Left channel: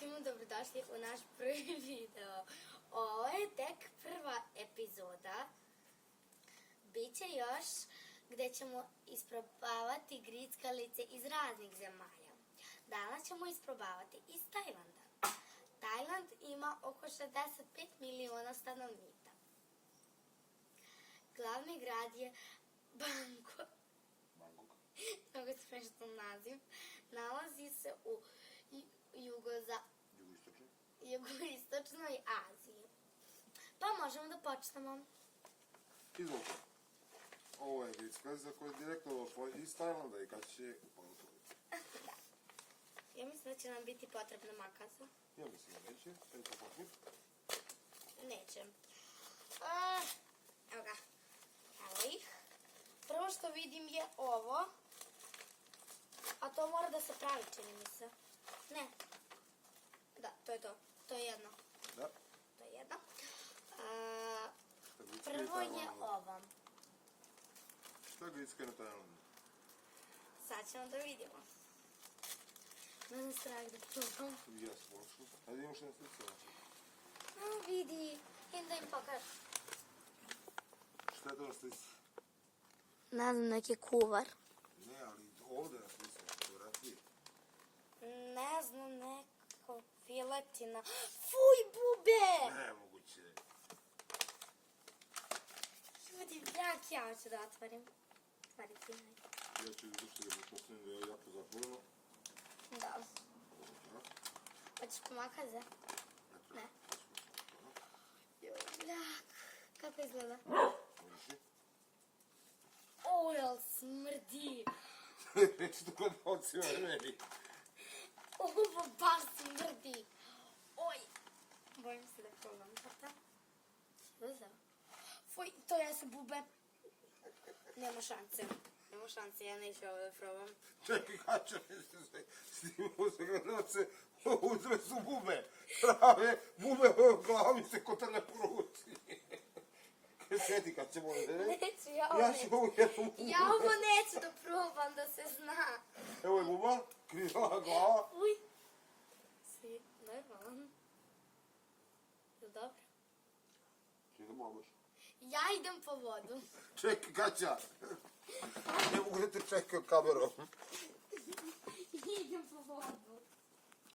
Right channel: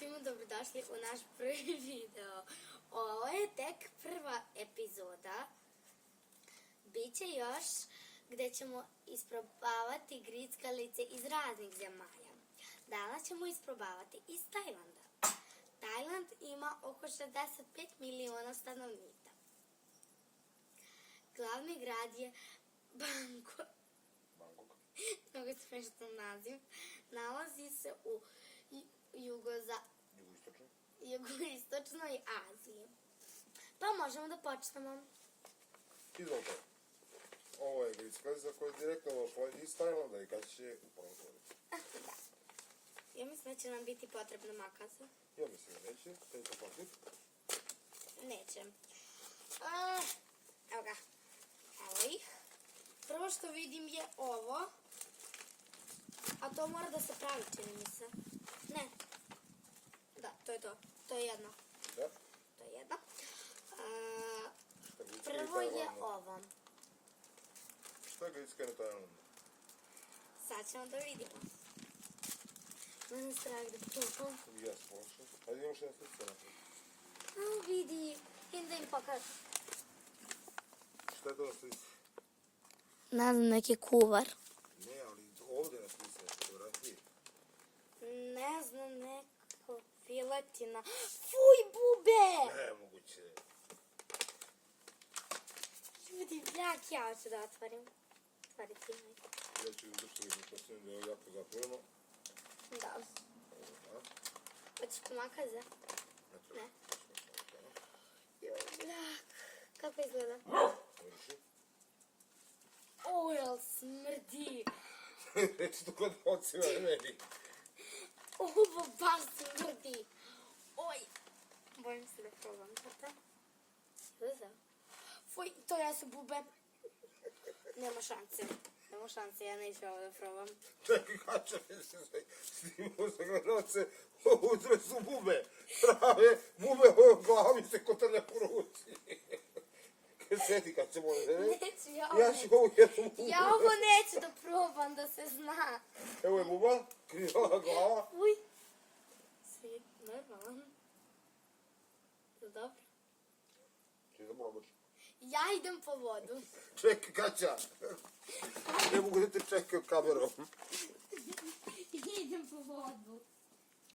svima dobrodošli u naš prvi video. Ovo je tek prva epizoda. Biće još gde ćemo isprobavati grickalice iz raznih zemalja. Danas ćemo isprobavati iz Tajlanda. Tajland ima oko 65 miliona stanovnika. Glavni grad je Bangkok. Mnogo smešan naziv. Nalazi se u jugoistočnoj Aziji. Pa možemo da počnemo. Izvolite. Ovo je grickalica koja je direktno došla iz Tajlanda i kad će upravo otvoriti. Ja mislim da će nam biti potrebna makaza. Ja mislim da neće. Taj to potnik. Neće. Evo ga. Evo ih. Prvo što vidim je ovo. A to mora da se pravi, čini mi se. Ne. Da, to je to. To je jedno. Da? To je jedno. Prvo je ovo. Šta je gricka na Tajlandu? Sad ćemo da vidimo. Mene strah da probam. Ja slušam. Ajde imaš jedna slica. Vidi. Idem da im pokažem. Šta je to na slici? Ne znam, neki kuvar. Ne, ali ovdje na slici na fotografiji. Ne znam, neko filetina. Fuj, bube! Nemoguće. Ljudi, ja hoću da otvorim. Otvori ti mi. Ja ću izvršiti da postavim da je jako zatvoreno. Da. Hoćeš pomakaze? Ne. Jojljak. Kako izgleda? O, jel smrdi? Reći to kod ocima meni. Ovo baš smrdi. Oj. Bojim se da probam. Fuj, to jesu bube. Nema šanse. Nema šanse, ja neću ovo da probam. Čekaj, kača, snimao se gledalce, utre su bube. Prave bube u glavi se kotane po ruci. Sjeti kad ćemo ovdje. Neću, Ja ću ovu jednu bubu. Ja ovo neću da probam, da se zna. Evo je buba, križala glava. Uj. Svi, normalan. Dobro. Čekaj da mogu. Ja idem po vodu. Čekaj, kača. Ne mogu da te čekaju kamerom. Idem po vodu.